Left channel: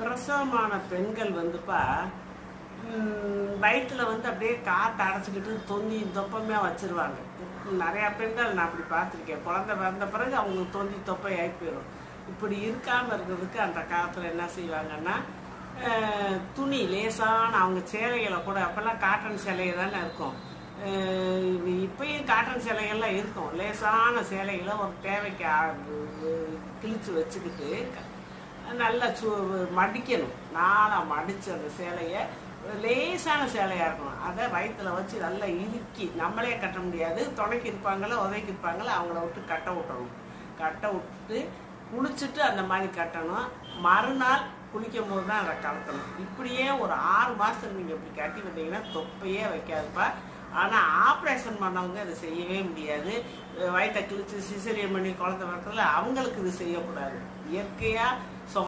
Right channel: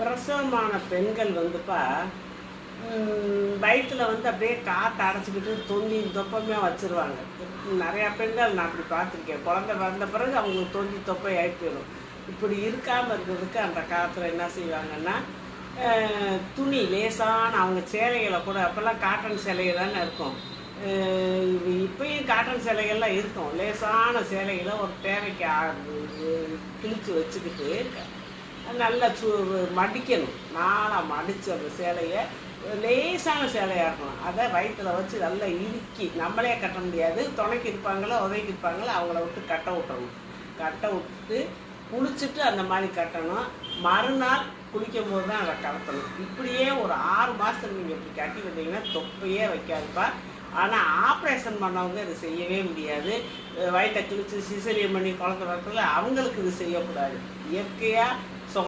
பிரசவமான பெண்கள் வந்துப்பா வயிற்றில் வந்து அப்படியே காற்று அடைச்சிக்கிட்டு தொந்தி தொப்பமே வச்சுருவாங்க. நிறையா பெண்கள் நான் அப்படி பார்த்துருக்கேன். குழந்தை வந்த பிறகு அவங்களுக்கு தொந்தி தொப்பை ஆகி போயிடும். இப்படி இருக்காமல் இருக்கிறதுக்கு அந்த காலத்தில் என்ன செய்வாங்கன்னா, துணி லேசான அவங்க சேலைகளை கூட அப்போல்லாம் காட்டன் சேலைகள் தானே இருக்கும். இப்பயும் காட்டன் சேலைகள்லாம் இருக்கும். லேசான சேலைகளை ஒரு தேவைக்கு கிழிச்சு வச்சுக்கிட்டு நல்லா மடிக்கணும். நாளாக மடித்து அந்த சேலையை லேசான சேலையாக இருக்கணும். அதை வயிற்றில் வச்சு நல்லா இறுக்கி, நம்மளே கட்ட முடியாது, துணைக்கு இருப்பாங்களோ உதவிக்கு இருப்பாங்களோ அவங்கள விட்டு கட்ட விட்டுறணும். கட்ட விட்டு குளிச்சுட்டு அந்த மாதிரி கட்டணும். மறுநாள் குளிக்கும் போது தான் அதை கலத்தணும். இப்படியே ஒரு 6 மாதத்துக்கு நீங்கள் இப்படி கட்டி விட்டீங்கன்னா தொப்பையே வைக்காதுப்பா. ஆனால் ஆப்ரேஷன் பண்ணவங்க இது செய்யவே முடியாது. வயிற்றை கிழிச்சு சிசரியன் பண்ணி குழந்தை பிறக்கல அவங்களுக்கு இது செய்யக்கூடாது. இயற்கையாக